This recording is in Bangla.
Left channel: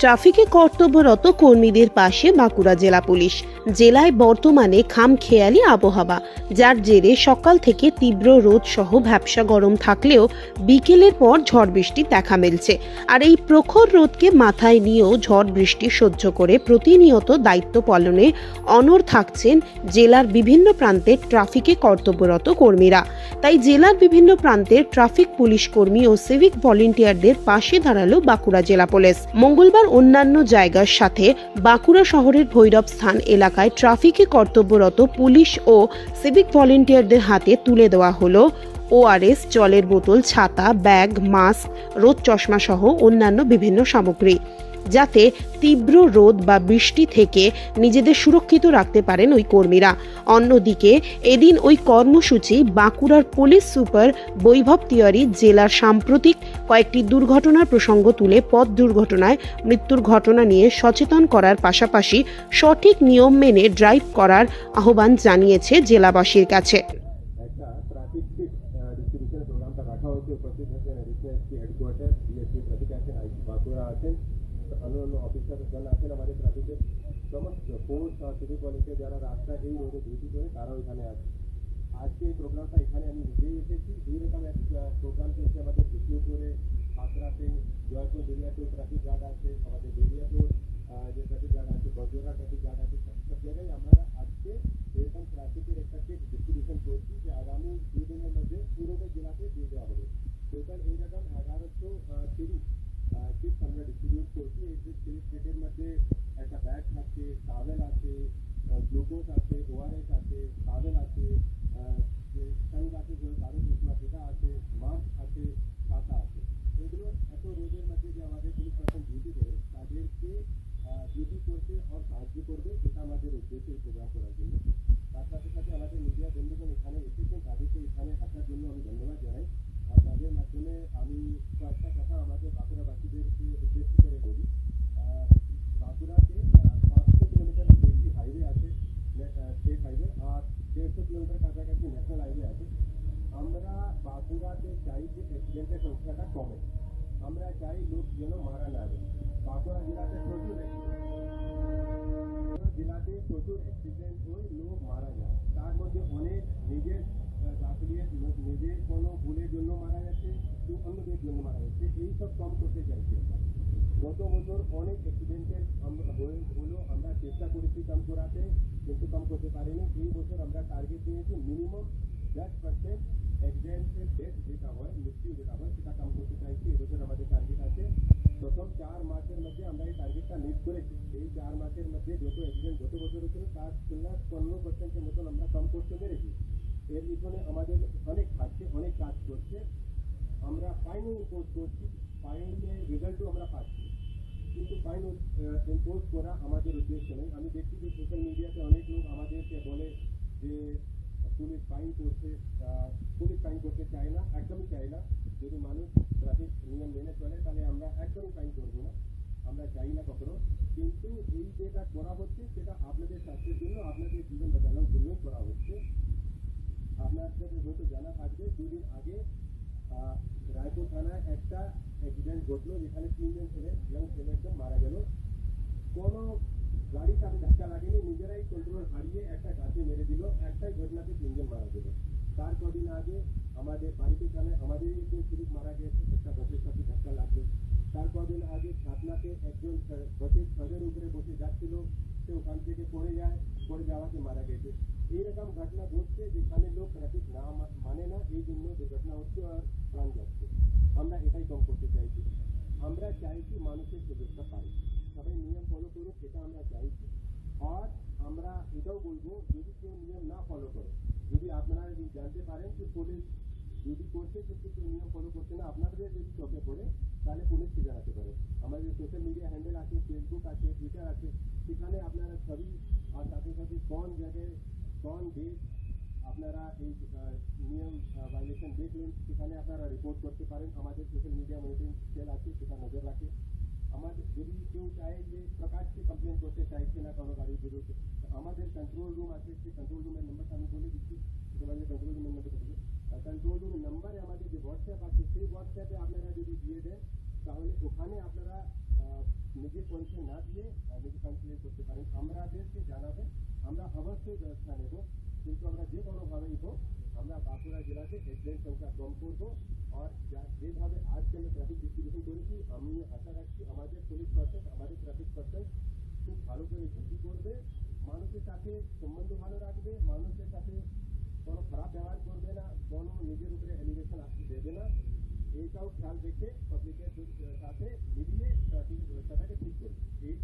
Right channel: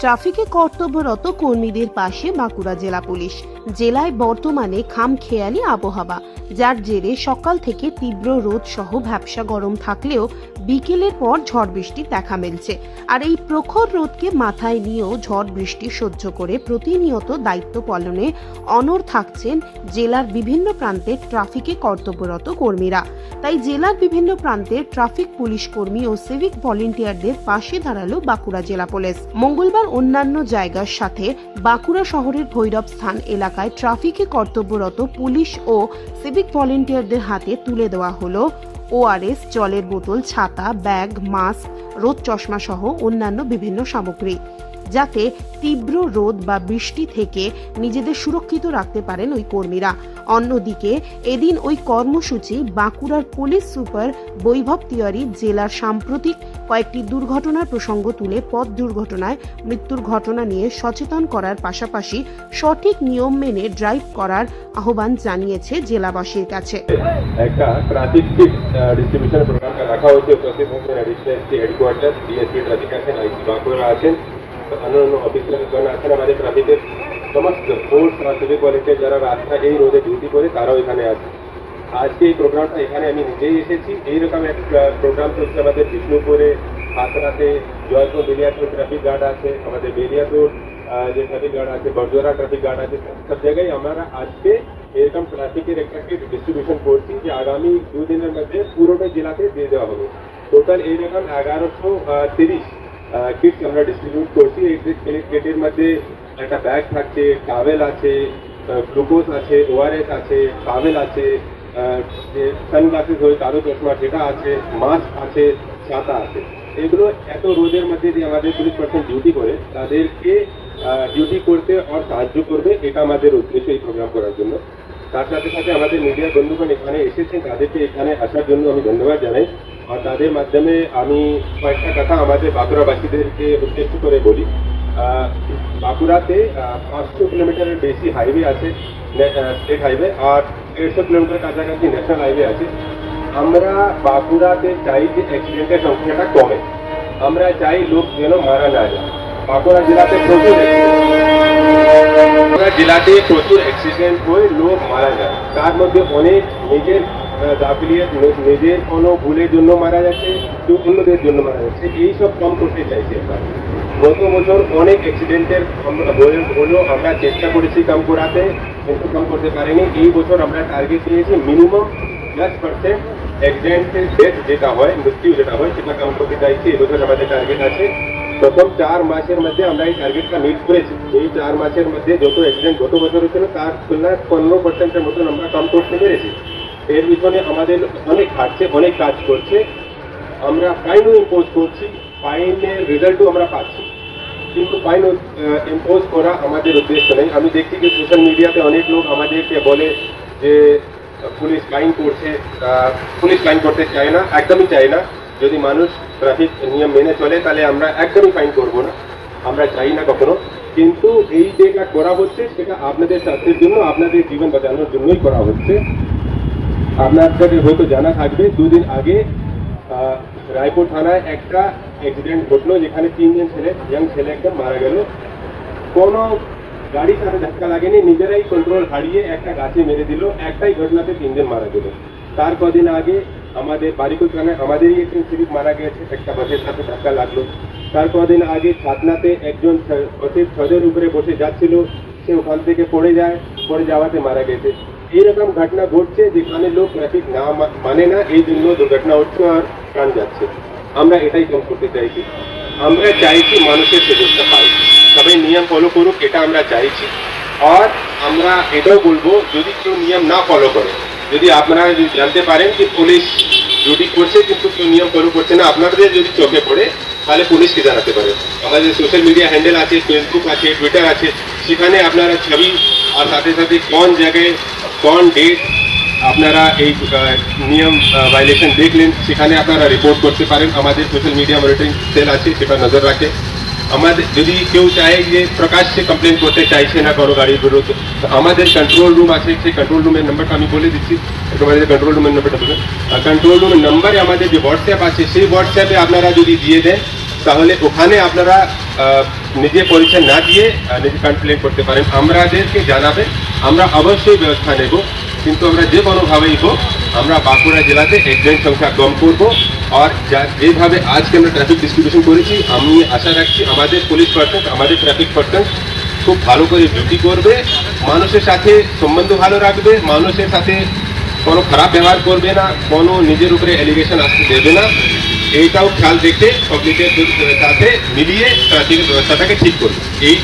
ট্রাফিকে কর্তব্যরত কর্মীদের পাশে বাঁকুড়া জেলা পুলিশ। জেলায় বর্তমানে খামখেয়ালি আবহাওয়া, যার জেরে সকাল থেকে তীব্র রোদ সহ ভ্যাপসা গরম থাকলেও বিকেলের পর ঝড় বৃষ্টি দেখা মিলছে। আর এই প্রখর রোদকে মাথায় নিয়েও ঝড় বৃষ্টি সহ্য করে প্রতিনিয়ত দায়িত্ব পালনে অনড় থাকছেন জেলার বিভিন্ন প্রান্তের ট্রাফিকে কর্তব্যরত কর্মীরা। তাই জেলার বিভিন্ন প্রান্তের ট্রাফিক পুলিশ কর্মী ও সিভিক ভলেন্টিয়ারদের পাশে দাঁড়ালো বাঁকুড়া জেলা পুলিশ। মঙ্গলবার অন্যান্য জায়গার সাথে বাঁকুড়া শহরের ভৈরব স্থান এলাকায় ট্রাফিকে কর্তব্যরত পুলিশ ও সিভিক ভলেন্টিয়ারদের হাতে তুলে দেওয়া হলো ওআরএস, জলের বোতল, ছাতা, ব্যাগ, মাস্ক, রোদ চশমা সহ অন্যান্য বিভিন্ন সামগ্রী, যাতে তীব্র রোদ বা বৃষ্টি থেকে নিজেদের সুরক্ষিত রাখতে পারেন ওই কর্মীরা। অন্যদিকে এদিন ওই কর্মসূচি বাঁকুড়ার পুলিশ সুপার বৈভব তিওয়ারি জেলার সাম্প্রতিক কয়েকটি দুর্ঘটনার প্রসঙ্গ তুলে পথ দুর্ঘটনায় মৃত্যুর ঘটনা নিয়ে সচেতন করার পাশাপাশি সঠিক নিয়ম মেনে ড্রাইভ করার আহ্বান জানিয়েছে জেলাবাসীর কাছে। একটা ট্রাফিক কিট ডিস্ট্রিবিউশন প্রোগ্রাম রাখা হয়েছে উপস্থিত হচ্ছেন অ্যাডিশনাল হেডকোয়ার্টার ডিএসপি ট্রাফিক আছেন, আইসি বাঁকুড়া আছেন, অন্যান্য অফিসারগণ আছেন, আমাদের ট্রাফিকের সমস্ত ফোর্স সিভিক ভলেন্টিয়ার যারা রাস্তা এই রোডে ডিউটি করে তারাও এখানে আছে। আজকে এই প্রোগ্রামটা এখানে আমি নিজেই এসেছি। এইরকম একটা প্রোগ্রাম চলছে আমাদের বিষ্ণুপুরে, হাতরাতে, জয়পুর, বেলিয়াপুর ট্রাফিক গার্ড আছে, আমাদের বেলিয়াপুর যে ট্রাফিক গার্ড আছে, বড়জোড়া ট্রাফিক গার্ড আছে, সব জায়গায় আমরা আজকে এরকম ট্রাফিকের একটা কিট ডিস্ট্রিবিউশন করছি যে আগামী 2 দিনের মধ্যে পুরোটা জেলাতে দিয়ে দেওয়া হবে। টোটাল এইরকম 1130 কিটস আমরা ডিস্ট্রিবিউট করছি। এই কিটের মধ্যে একটা ব্যাগ থাকছে, টাওয়েল আছে, গ্লুকোজ আছে, ওআরএস আছে, টাওয়েল আছে, যে সানগ্লাসেস হয় কালো চশমা সেটা আছে, মাস্ক আছে, ছাতা আছে। এগুলো এত রোদের মধ্যে যে আমাদের পুলিশ পার্সন ডিউটি করে তাদেরকে ডিউটি করতে আর সাহায্য করবে, এটা আমাদের উদ্দেশ্য এই প্রোগ্রাম করার জন্য। তার সাথে সাথে আমাদের মিডিয়া বন্ধুগণ এখানে এসেছেন, তাদেরকে এখানে আসার জন্য আমি ধন্যবাদ জানাই। আর তাদের মাধ্যমে আমি কয়েকটা কথা আমাদের বাঁকুড়াবাসীদেরকে উদ্দেশ্য করে বলি। বাঁকুড়াতে 500 কিলোমিটারের বেশি হাইওয়ে আছে, স্টেট হাইওয়ে, আর 150 কিলোমিটার কাছাকাছি ন্যাশনাল হাইওয়ে আছে। আমরা বাঁকুড়াতে চাই যে অ্যাক্সিডেন্টের সংখ্যাটা কমে, আমরা চাই লোক যেন মারা না যায়। বাঁকুড়া জেলাতে প্রচুর অ্যাক্সিডেন্ট হয়ে লোক মারা যায়, তার মধ্যে অনেক নিজের গাফিলিয়াত, নিজের কোনো ভুলের জন্য মারা যাচ্ছে, কেউ অন্যদের জন্য মারা যাচ্ছে। এইসব কম করতে চাইছি আমরা। গত বছর অনেক অ্যাক্সিডেন্টের হলেও আমরা চেষ্টা করেছি কম করাতে, কিন্তু কম করতে পারিনি। এই বছর আমরা টার্গেট নিয়েছি মিনিমাম 10% অ্যাক্সিডেন্টের ডেথ যেটা হয়, মৃত্যু যেটা হয়, সেটা কম করতে চাইছি। এবছর আমাদের টার্গেট আছে। প্রথম 4 মাসের মধ্যে আমরা এই টার্গেটটা মিট করেছি। এই 4 মাসের মধ্যে যত অ্যাক্সিডেন্ট গত বছর হচ্ছিল তার তুলনায় 15%-এর মতন আমরা কম করতে পেরেছি। এর পিছনে আমাদের অনেক খাটছে, অনেক কাজ করছে। আমরা ফাইনও ইম্পোজ করছি, ফাইনের রেজাল্টও আমরা পাচ্ছি, কিন্তু ফাইন ইম্পোজ করা আমাদের উদ্দেশ্য নেই। আমি দেখছি যে সোশ্যাল মিডিয়াতে অনেক লোক আমাদেরকে বলে যে পুলিশ ফাইন করছে, পুলিশ ফাইন করতে চায় না, একদমই চায় না। যদি মানুষ ট্রাফিক নিয়ম মেনে চলে তাহলে আমরা একদমই ফাইন করবো না, আমরা চাই না কখনো। কিন্তু এই যেটা করা হচ্ছে সেটা আপনাদের স্বাস্থ্যের জন্য, আপনাদের জীবন বাঁচানোর জন্যই করা হচ্ছে। আপনাদের হয়তো জানা থাকবে 2 দিন আগে রায়পুর থানায় একটা অ্যাক্সিডেন্ট ঘটলো, যেখানে 3 জন ছেলে, ইয়াং ছেলে একদম মারা গেল। কোনো গাড়ির সাথে ধাক্কা লাগেনি, নিজেরাই কন্ট্রোল হারিয়ে একটা গাছে মেরে দিল। একটাই ঘটনাতে 3 জন মারা গেল। তার কদিন আগে আমাদের বারিকুল থানায় আমাদেরই একজন সিভিক মারা গেছে, একটা বাসের সাথে ধাক্কা লাগলো। তার কদিন আগে ছাতনাতে একজন বাসের ছাদের উপরে বসে যাচ্ছিল, সে ওখান থেকে পড়ে যায়, পড়ে যাওয়াতে মারা গেছে। এইরকম ঘটনা ঘটছে যেখানে লোক ট্রাফিক না মানে না, এই জন্য দুর্ঘটনা হচ্ছে আর প্রাণ যাচ্ছে। আমরা এটাই কম করতে চাইছি। আমরা চাইছি মানুষের সুযোগটা পাই, সবাই নিয়ম ফলো করুক, এটা আমরা চাইছি। আর আমরা এটাও বলবো, যদি কেউ নিয়ম না ফলো করে, যদি আপনারা জানতে পারেন যে পুলিশ ডিউটি করছে কিন্তু কেউ নিয়ম ফলো করছে না, আপনাদের যদি চোখে পড়ে, তাহলে পুলিশকে জানাতে পারে। আমাদের সোশ্যাল মিডিয়া হ্যান্ডেল আছে, ফেসবুক আছে, টুইটার আছে, সেখানে আপনারা ছবি আর সাথে সাথে কোন জায়গায় কোন ডেট আপনারা এই নিয়ম ভায়োলেশন দেখলেন সেখানে আপনারা রিপোর্ট করতে পারেন। আমাদের সোশ্যাল মিডিয়া মনিটরিং সেল আছে, সেটা নজর রাখে। আমাদের যদি কেউ চায় যে প্রকাশ্যে কমপ্লেন করতে চাইছে না কোনো গাড়ির বিরুদ্ধে, আমাদের কন্ট্রোল রুম আছে, সেই কন্ট্রোল রুমের নাম্বারটা আমি বলে দিচ্ছি। আমাদের কন্ট্রোল রুমের নাম্বারটা বলুন। কন্ট্রোল রুমের নাম্বারে আমাদের যে হোয়াটসঅ্যাপ আছে, সেই হোয়াটসঅ্যাপে আপনারা যদি দিয়ে দেন তাহলে ওখানে আপনারা নিজে পরিচয় না দিয়ে নিজে কমপ্লেন করতে পারেন, আমাদেরকে জানাবেন, আমরা অবশ্যই ব্যবস্থা নেব। কিন্তু আমরা যে কোনোভাবেই হোক আমরা বাঁকুড়া জেলাতে অ্যাক্সিডেন্ট সংখ্যা কম করব। আর যেভাবে আজকে আমরা ট্রাফিক ডিস্ট্রিবিউশন করেছি, আমি আশা রাখছি আমাদের পুলিশ পার্সন, আমাদের ট্রাফিক পার্সন খুব ভালো করে ডিউটি করবে, মানুষের সাথে সম্বন্ধ ভালো রাখবে, মানুষের সাথে কোনো খারাপ ব্যবহার করবে না, কোনো নিজের উপরে অ্যালিগেশন আসতে দেবে না। এইটাও খেয়াল রেখে পাবলিকের সাথে মিলিয়ে ট্রাফিক ব্যবস্থাটাকে ঠিক করবে। এই